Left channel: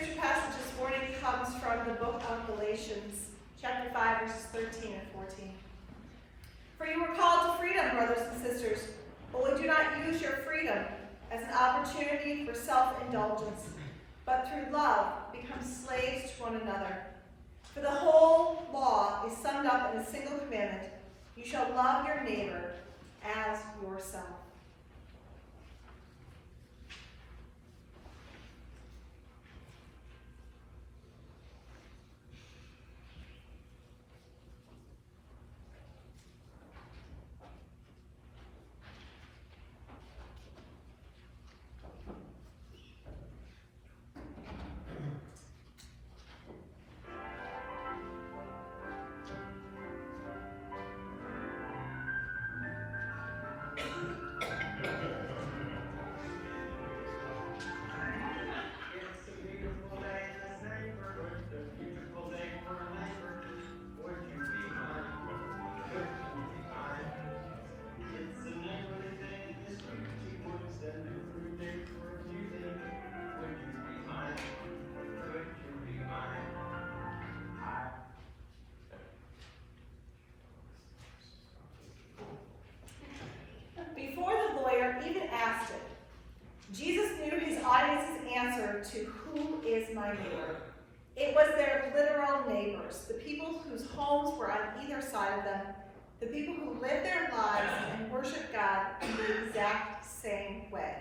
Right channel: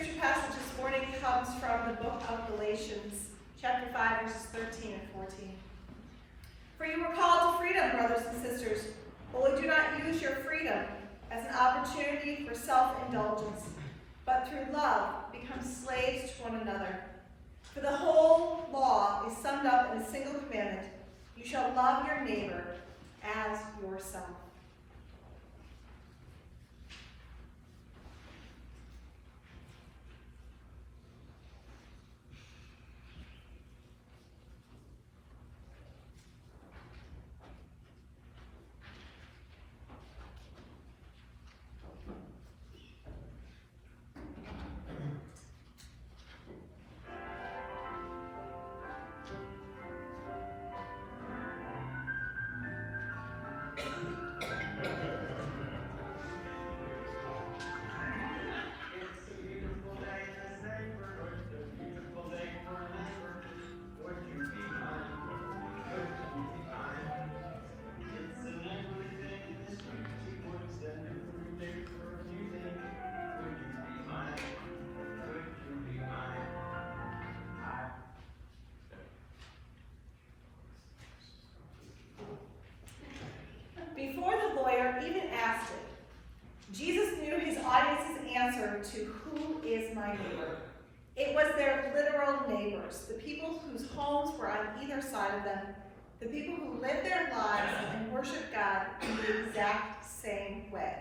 scripture passage this morning comes from the book of Galatians, chapter 5, verses 13 and 14. For you were called to freedom, brothers and sisters, but do not use your freedom as an opportunity for self-indulgence, but through love become slaves to one another. For the whole law is summed up in a single commandment: you shall love your neighbor as yourself. Before the lawyer even asked it, Jesus knew his audience's answer to who is my neighbor. It was their literal neighbors, the people whose homes were on either side of them, the people who lived their lives and worshiped God in the exact same way.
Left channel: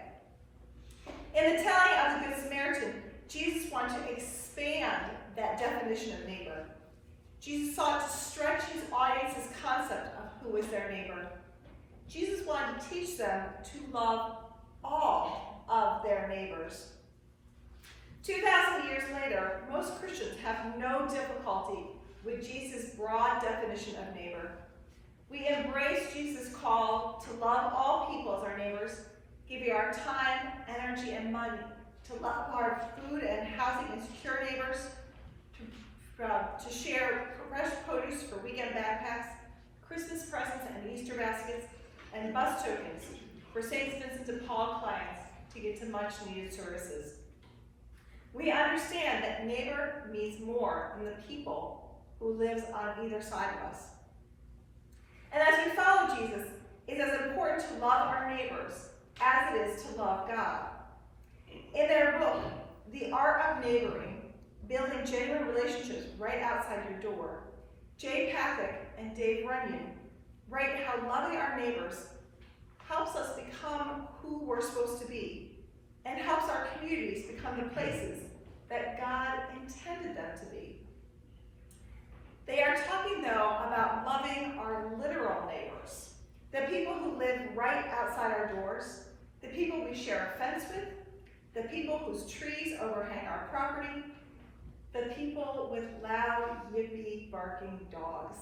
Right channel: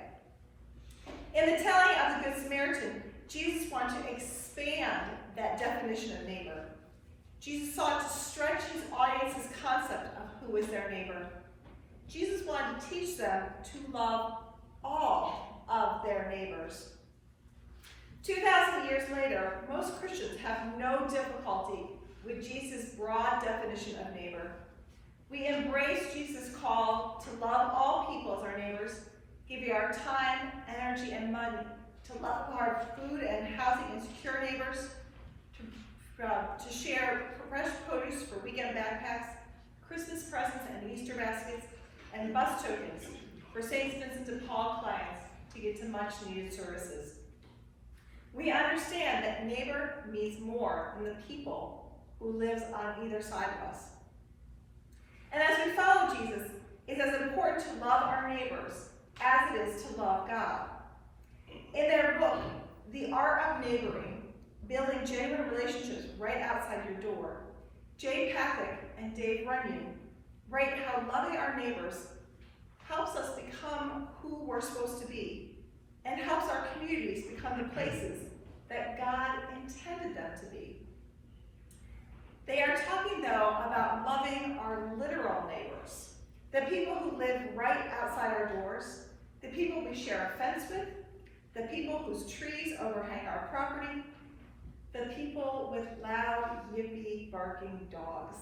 In the telling of the Good Samaritan, Jesus wanted to expand that definition of neighbor. Jesus sought to stretch his audience's concept of who is their neighbor. Jesus wanted to teach them to love all of their neighbors. 2,000 years later, most Christians have no difficulty with Jesus' broad definition of neighbor. We embrace Jesus' call to love all people as our neighbors, give you our time, energy, and money, to love our food and housing insecure neighbors, to share fresh produce for weekend backpacks, Christmas presents and Easter baskets, and bus tokens for St. Vincent de Paul clients to get to much-needed services. We understand that neighbor means more than the people who lives on either side of us. And as we follow Jesus, it's as important to love our neighbors as it is to love God. In their book, The Art of Neighboring, Building Genuine Relationships Right Outside Your Door, Jay Pathak and Dave Runyon write how loving our neighbors helps us become who we're supposed to be and helps our communities become the places that God intended them to be. They are talking, though, about loving our literal neighbors, the people who live right outside our doors, the people we share a fence with, the people whose trees overhang our property, the people with loud, yippy, barking dogs.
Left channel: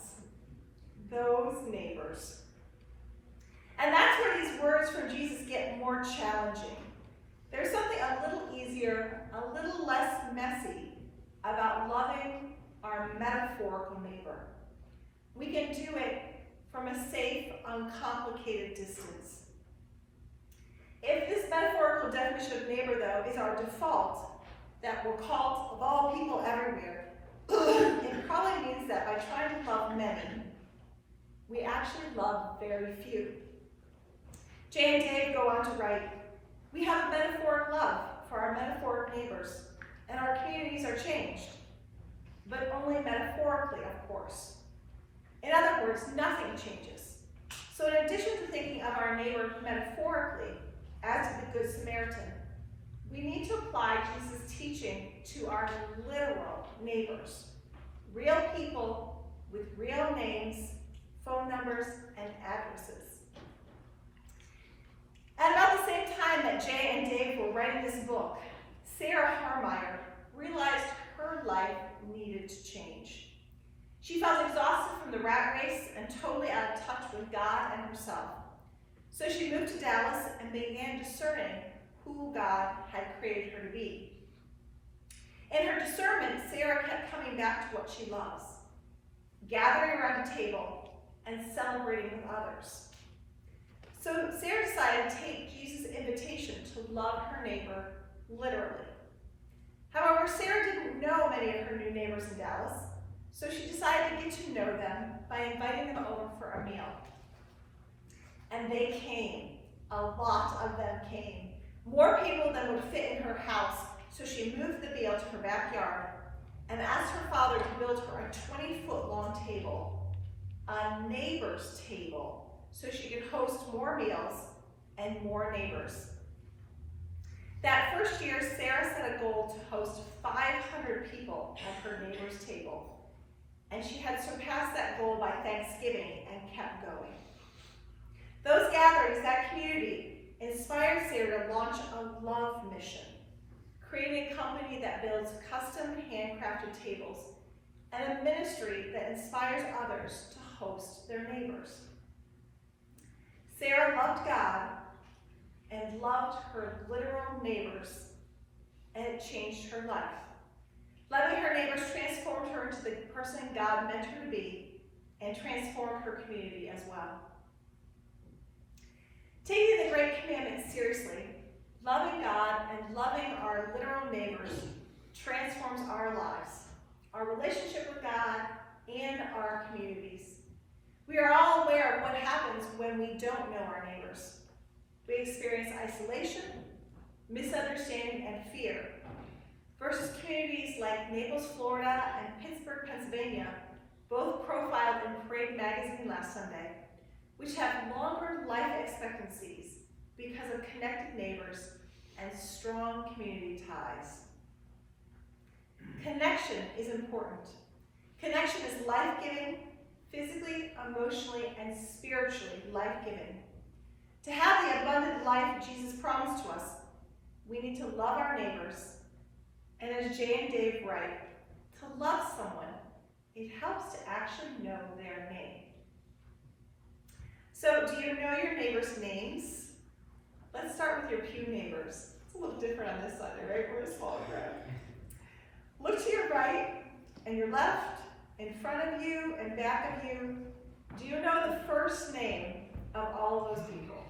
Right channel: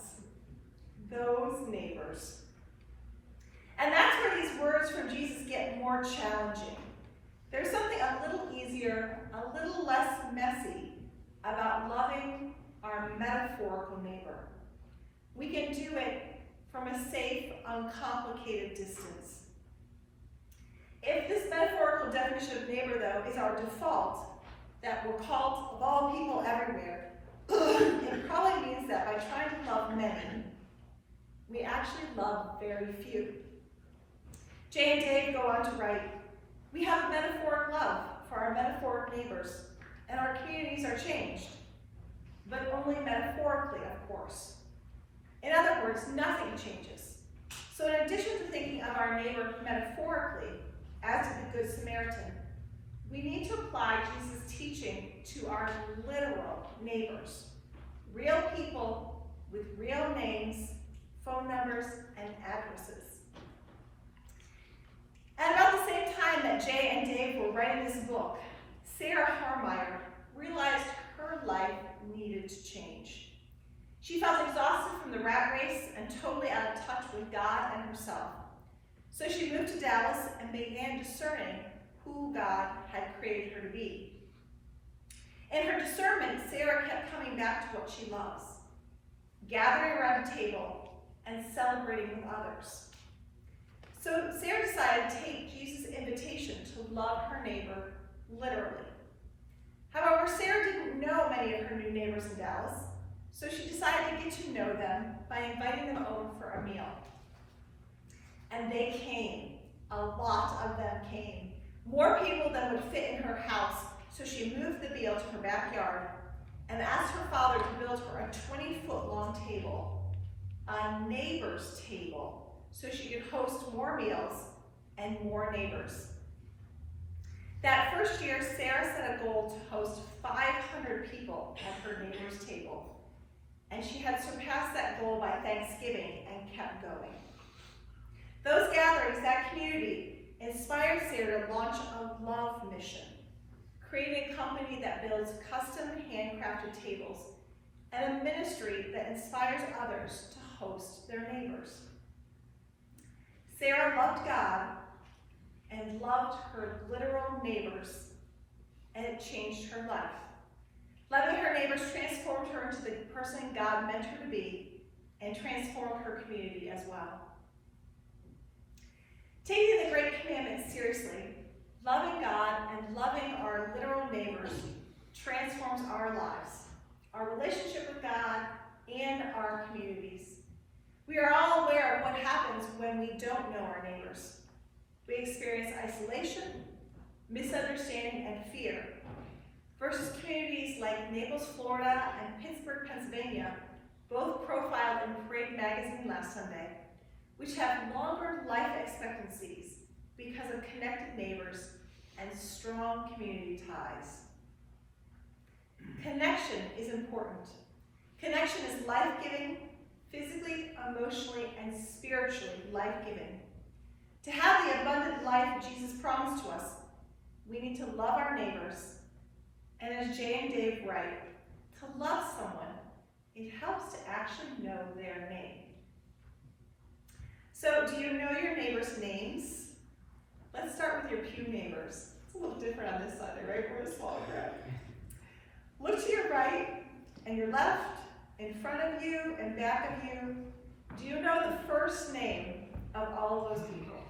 Those neighbors. And that's where these words from Jesus get more challenging. There's something a little easier, a little less messy about loving our metaphorical neighbor. We can do it from a safe, uncomplicated distance. If this metaphorical definition of neighbor, though, is our default, that we're called of all people everywhere, it probably means that by trying to love many, we actually love very few. Jay and Dave go on to write, we have a metaphoric love for our metaphoric neighbors, and our communities are changed, but only metaphorically, of course. In other words, nothing changes. So in addition to thinking of our neighbor metaphorically, as did the Good Samaritan, we need to apply Jesus' teaching to our literal neighbors, real people with real names, phone numbers, and addresses. At about the same time that Jay and Dave were writing this book, Sarah Harmeyer realized her life needed to change. She felt exhausted from the rat race and totally out of touch with God and herself. So she moved to Dallas and began discerning who God had created her to be. In her discernment, Sarah kept coming back to what she loves, gathering around a table and celebrating with others. So Sarah decided to take Jesus' invitation to love her neighbor literally. However, Sarah didn't know many of her new neighbors in Dallas, so she decided to get to know them by inviting them over for a meal. And they came. A lot of them came. More people than would fit in her house, so she moved the meal to her backyard and asked her father to build her a 20-foot-long table, a neighbor's table, so she could host more meals and more neighbors. That first year, Sarah set a goal to host 500 people at her neighbor's table, and she had surpassed that goal by Thanksgiving and kept going. Those gatherings, that community, inspired Sarah to launch a love mission, creating a company that builds custom handcrafted tables and a ministry that inspires others to host their neighbors. Sarah loved God and loved her literal neighbors, and it changed her life. Loving her neighbors transformed her into the person God meant her to be and transformed her community as well. Taking the Great Commandment seriously, loving God and loving our literal neighbors transforms our lives, our relationship with God, and our communities. We are all aware of what happens when we don't know our neighbors. We experience isolation, misunderstanding, and fear, versus communities like Naples, Florida, and Pittsburgh, Pennsylvania, both profiled in Parade magazine last Sunday, which have longer life expectancies because of connected neighbors and strong community ties. Connection is important. Connection is life-giving, physically, emotionally, and spiritually life-giving. To have the abundant life Jesus promised to us, we need to love our neighbors, and as Jay and Dave write, to love someone, it helps to actually know their name. So, do you know your neighbors' names? Let's start with your pew neighbors. It's a little different on this Sunday, right? We're a small crowd. Look to your right and your left, in front of you and back of you. Do you know the first name of all of those people?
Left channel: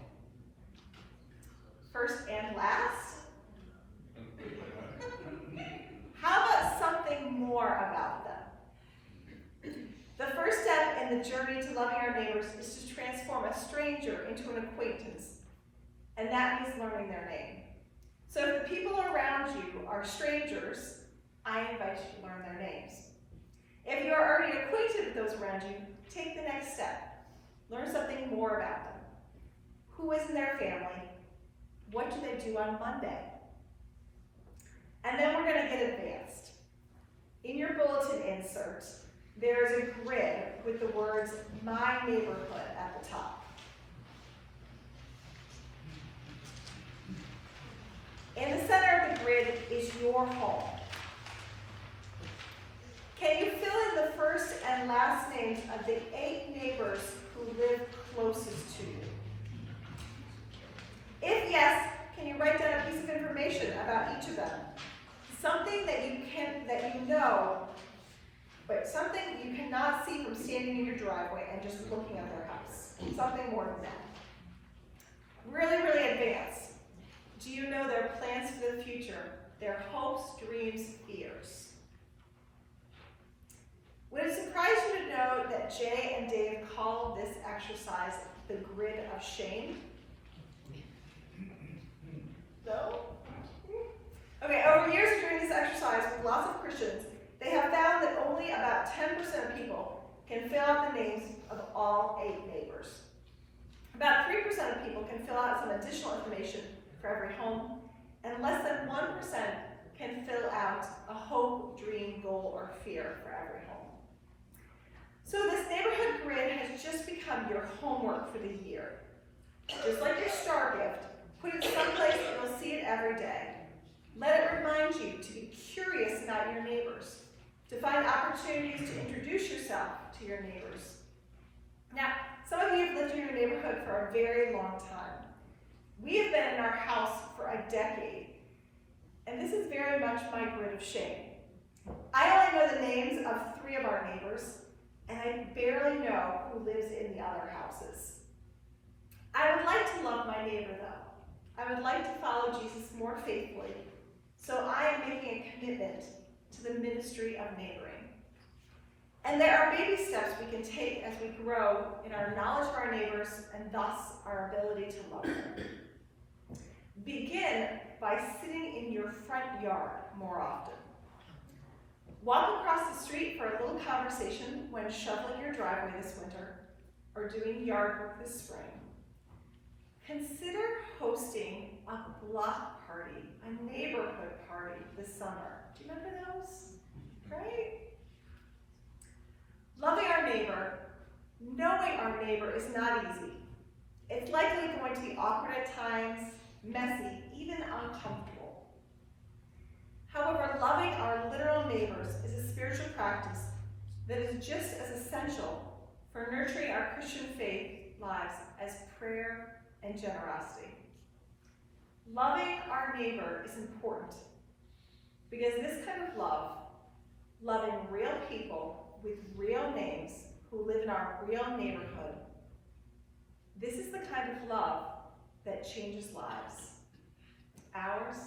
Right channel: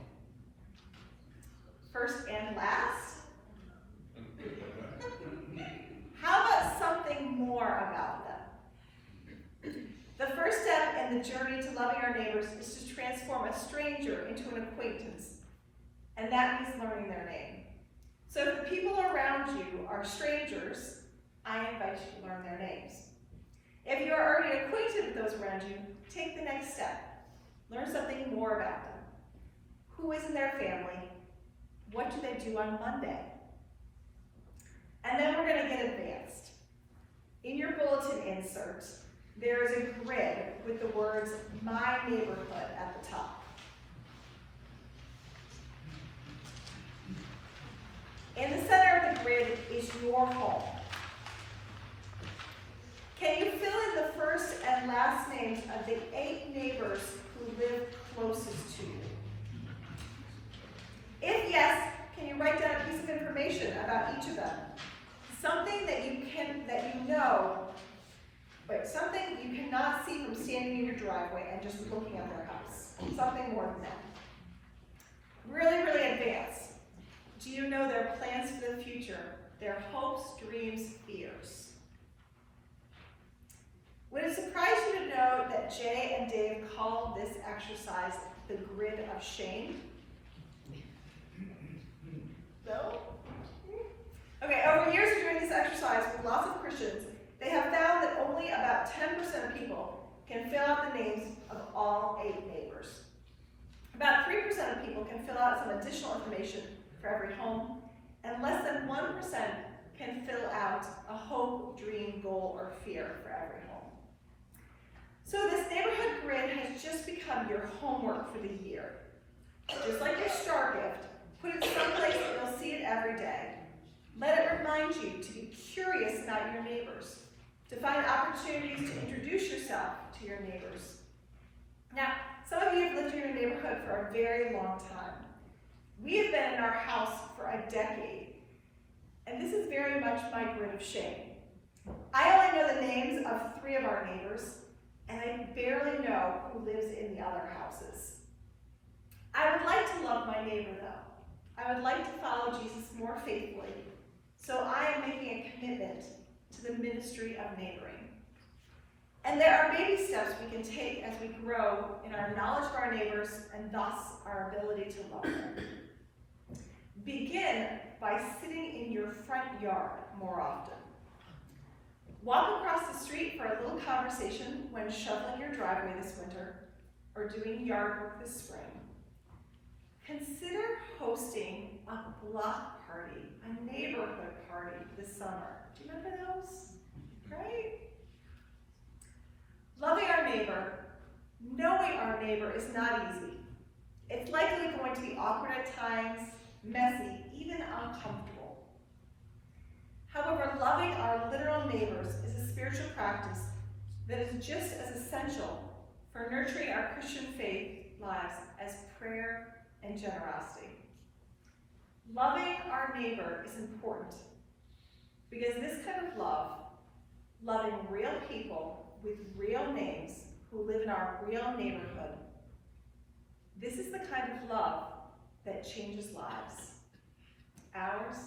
First and last? How about something more about them? The first step in the journey to loving our neighbors is to transform a stranger into an acquaintance, and that means learning their name. So if the people around you are strangers, I invite you to learn their names. If you are already acquainted with those around you, take the next step. Learn something more about them. Who is in their family? What do they do on Monday? And then we're going to get advanced. In your bulletin insert, there is a grid with the words, "My Neighborhood," at the top. In the center of the grid is your home. Can you fill in the first and last names of the 8 neighbors who live closest to you? If yes, can you write down a piece of information about each of them? Something that something you cannot see from standing in your driveway and just looking at their house. Something more than that. Really, really advanced. Do you know their plans for the future? Their hopes, dreams, fears? Would it surprise you to know that Jay and Dave call this exercise the grid of shame? No? Okay, over years of doing this exercise with lots of Christians, they have found that only about 10% of people can fill out the names of all 8 neighbors. About 3% of people can fill out some additional information for every home, and less than 1% can fill out a hope, dream, goal, or fear for every home. So this neighborhood grid has just become your homework for the year. Just like your star gift, put it someplace that you'll see it every day. Let it remind you to be curious about your neighbors, to find opportunities to introduce yourself to your neighbors. Now, some of you have lived in your neighborhood for a very long time. We have been in our house for a decade, and this is very much my grid of shame. I only know the names of 3 of our neighbors, and I barely know who lives in the other houses. I would like to love my neighbor, though. I would like to follow Jesus more faithfully, So I am making a commitment to the ministry of neighboring. And there are baby steps we can take as we grow in our knowledge of our neighbors and thus our ability to love them. Begin by sitting in your front yard more often. Walk across the street for a little conversation when shoveling your driveway this winter or doing yard work this spring. Consider hosting a block party, a neighborhood party this summer. Do you remember those? Right? Loving our neighbor, knowing our neighbor is not easy. It's likely going to be awkward at times, messy, even uncomfortable. However, loving our literal neighbors is a spiritual practice that is just as essential for nurturing our Christian faith lives as prayer and generosity. Loving our neighbor is important because this kind of love, loving real people with real names who live in our real neighborhood, this is the kind of love that changes lives. Ours